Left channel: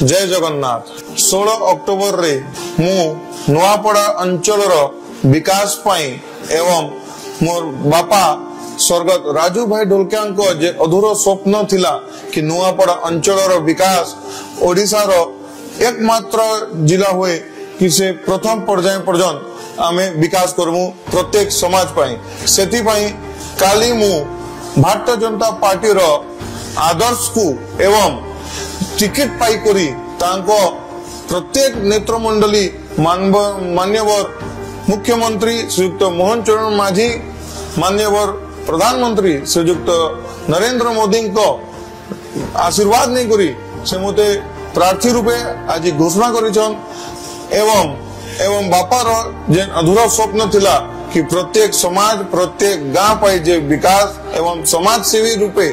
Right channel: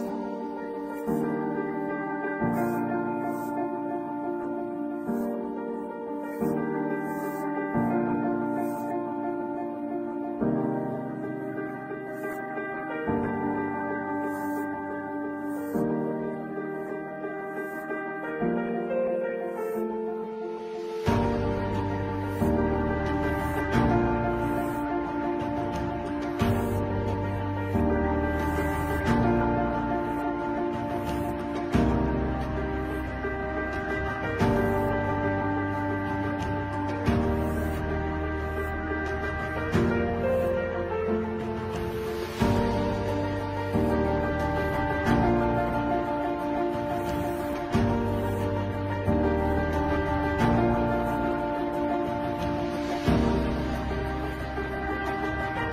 जय जगन्नाथ। 16 अक्टोबर रे मु नुआपड़ा अंचल विकास पाई एवं मोर बापा स्वर्गत राजू भाई ढोलकिया जे अधूर स्वप्न थिला कि नुआपड़ा अंचल विकास ओडिशा रो एकमात्र जिला हुए कि से प्रथम पर्याय पर्यंत आमे विकास करमु प्रत्येक समाज पाई सेति पाई काली मु भारतीय जनता पार्टी रो आदर्श को एवं टिकट पाई करी तांको प्रत्येक नेत्रमंडली मान्यवर मुख्यमंत्री श्रीयुक्त मोहन चरण माझी मान्यवर प्रधानमंत्री श्रीयुक्त नरेंद्र मोदी को आशीर्वाद नहीं करी से मते प्रार्थी रूपे आज घोषणा करिछन एवं बापार जे अधूरा स्वप्न थिला कि प्रत्येक समाज प्रत्येक गाँ पाई जे विकास एवं समाज सेवी रूपे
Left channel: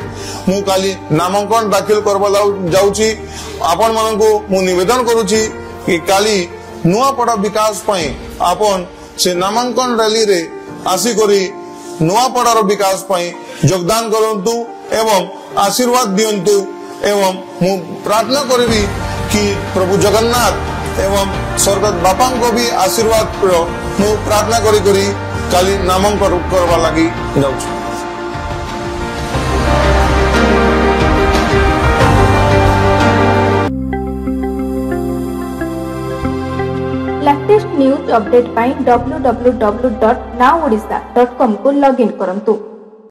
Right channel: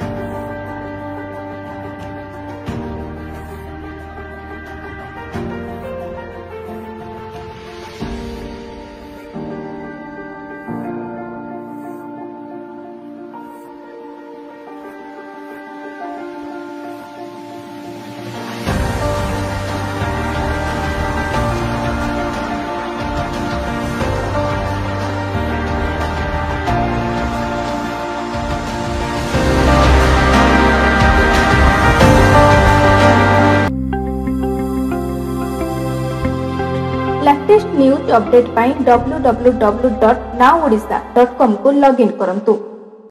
मु काली नामांकन दाखिल करबा जाउची आपण मानको मु निवेदन करूची कि काली नुआपड़ा विकास पाई आपण से नामांकन रैली रे आसी करी नुआपड़ार विकास पाई योगदान करंतु एवं आशीर्वाद दियंतु एवं मु प्रार्थना करिबी कि प्रभु जगन्नाथ एवं स्वर्गत बापा को भी आशीर्वाद मु प्रार्थना करी करी काली नामांकन करबा लागि जाउछु। लेटेस्ट न्यूज अपडेट पाई www.nowodisha.com को लॉगिन करंतु।